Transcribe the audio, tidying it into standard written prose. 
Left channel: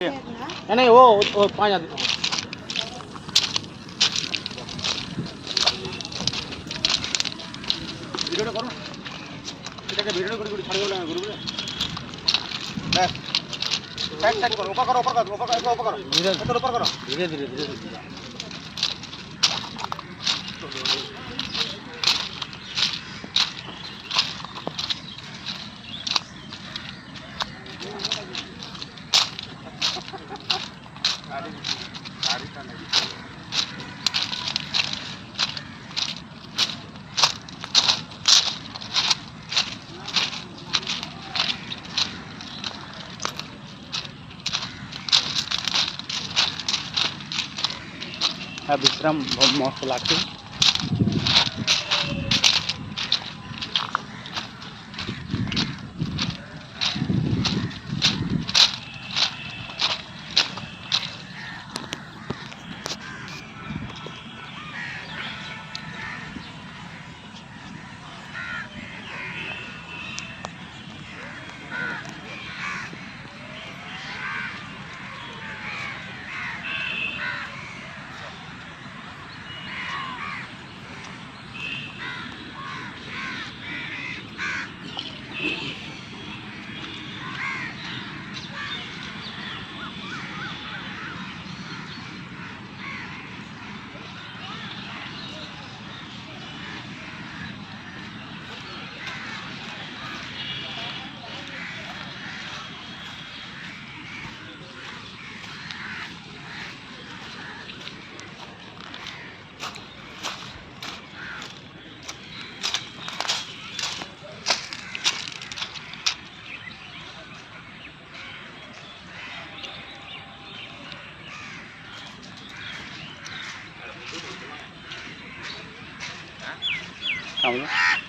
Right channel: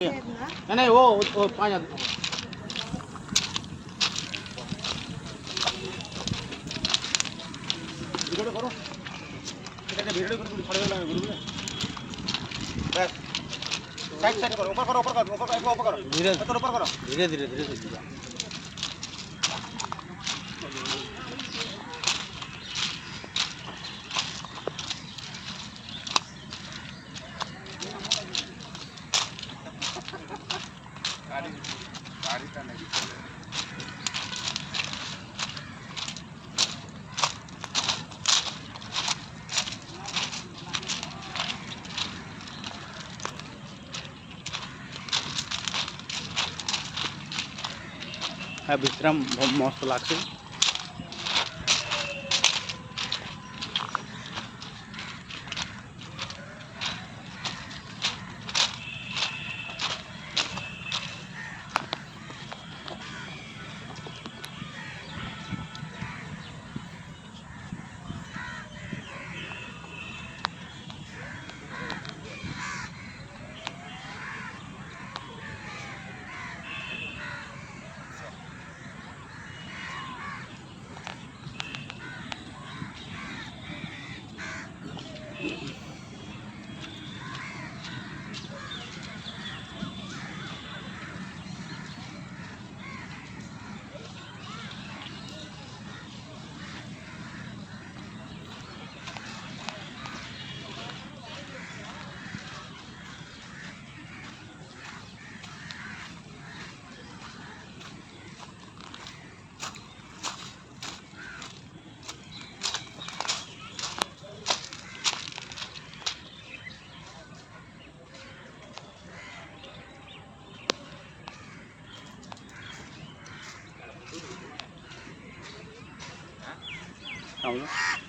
नहीं नहीं वो 5 आदमी ভিডিওটা করো এটাকে ভিডিও করে ছাড় দেব না গ্রুপে ব্যাস সাইড সাইড করো ऊपर करो ऊपर करो धीरे धीरे ऊपर करो धीरे धीरे धीरे गाड़ी का नहीं चले विश्राम मस्त लगते Không